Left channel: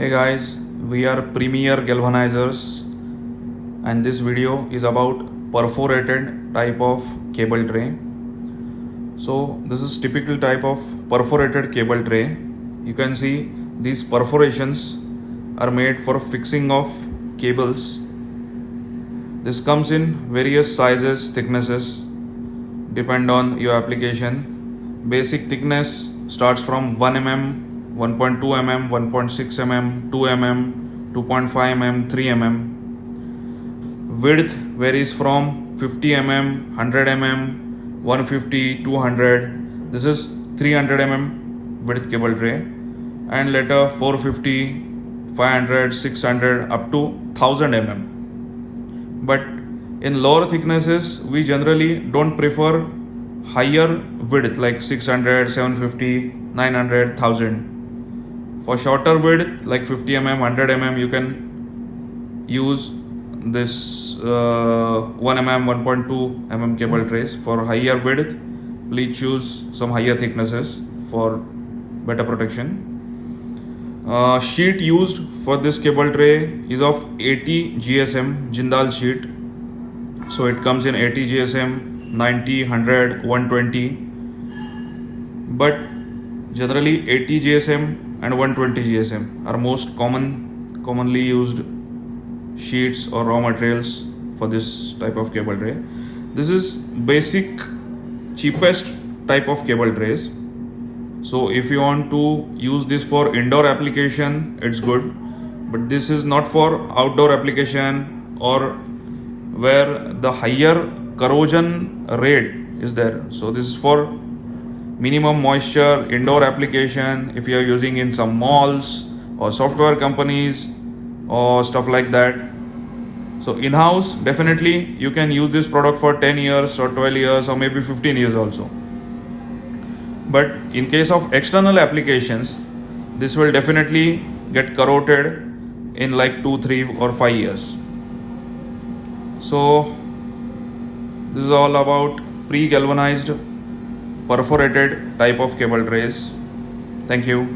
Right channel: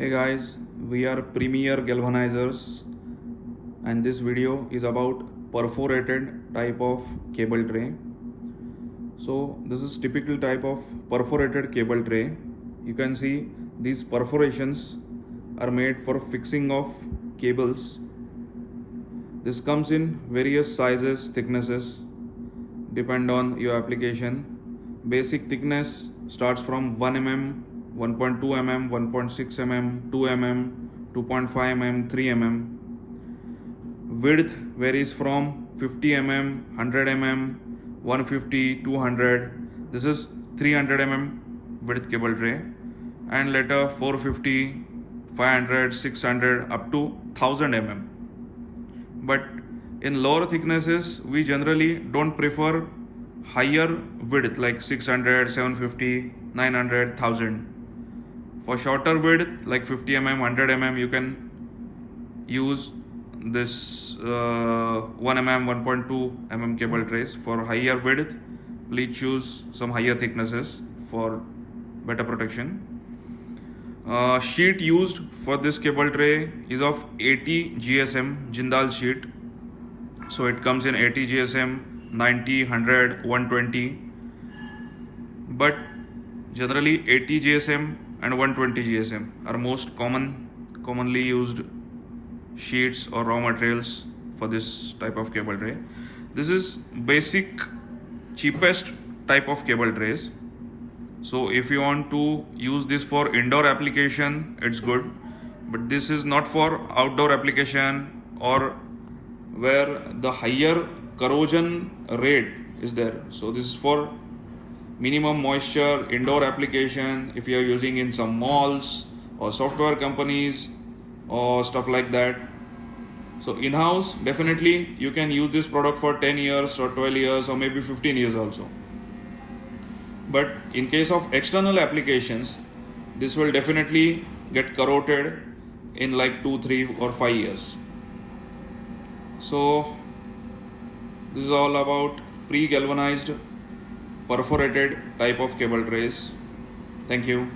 Hey guys, we are Premier Galvanizers and this video is about perforated type of cable tray. So this is typical type of perforated cable tray. You can see these perforations are made for fixing of cables. This comes in various sizes, thicknesses, depend on your application. Basic thickness starts from 1 mm, 1.2 mm, 1.6 mm, 2 mm, 2.5 mm, 3 mm. Width varies from 50 mm, 100 mm, 150, 200. This is 300 mm width cable tray, and later 450, 500, 600 up to 1000 mm. But in lower thicknesses, we generally don't prefer higher width like 600, 750, 900, 1000. For shorter width like 50 mm, 100 mm, you can use this 1 mm, 1.2 mm cable trays. For higher width, please choose some higher thicknesses for better protection. Sheet used for this cable tray is of 80 GSM Jindal sheet. So it comes in 80 GSM, 90, 100, 120. But generally 80 GSM and 120 GSM are most commonly used sheets or raw materials for this type of cable tray. This is basic cheapest type of cable trays. So if you want to use this for indoor application, it's good, but this is not for outdoor application or where the higher corrosion rate is there. So this is for minimum moisture indoor application if you are using in some malls or software companies or stuff like that. So in-house, definitely you can use this product for 10 years or 12 years or maybe 15 years also. But in case of external applications, this will definitely get corroded in like 2, 3 or 5 years. So this is all about pre-galvanized perforated type of cable trays. Thank you.